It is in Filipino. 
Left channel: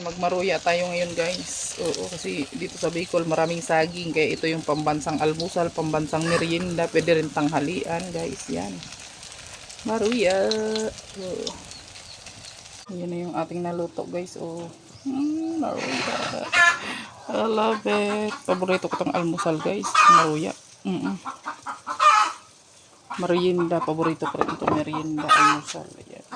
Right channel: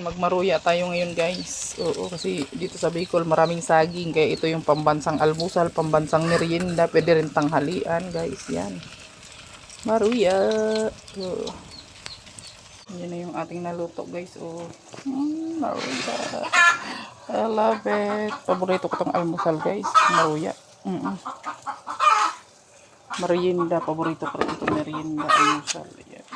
Magmaruya tayo ngayon guys. Oo, kasi dito sa Bicol maraming saging. Kaya ito yung pambansang almusal, pambansang merienda. Pwede rin tanghalian guys. Yan. Maruya. Oo. Yan na yung ating naluto guys. Oh. Maruya. I love it. Paborito ko tong almusal guys. Maruya. Merienda. Paborito ko rin itong merienda almusal. Yan.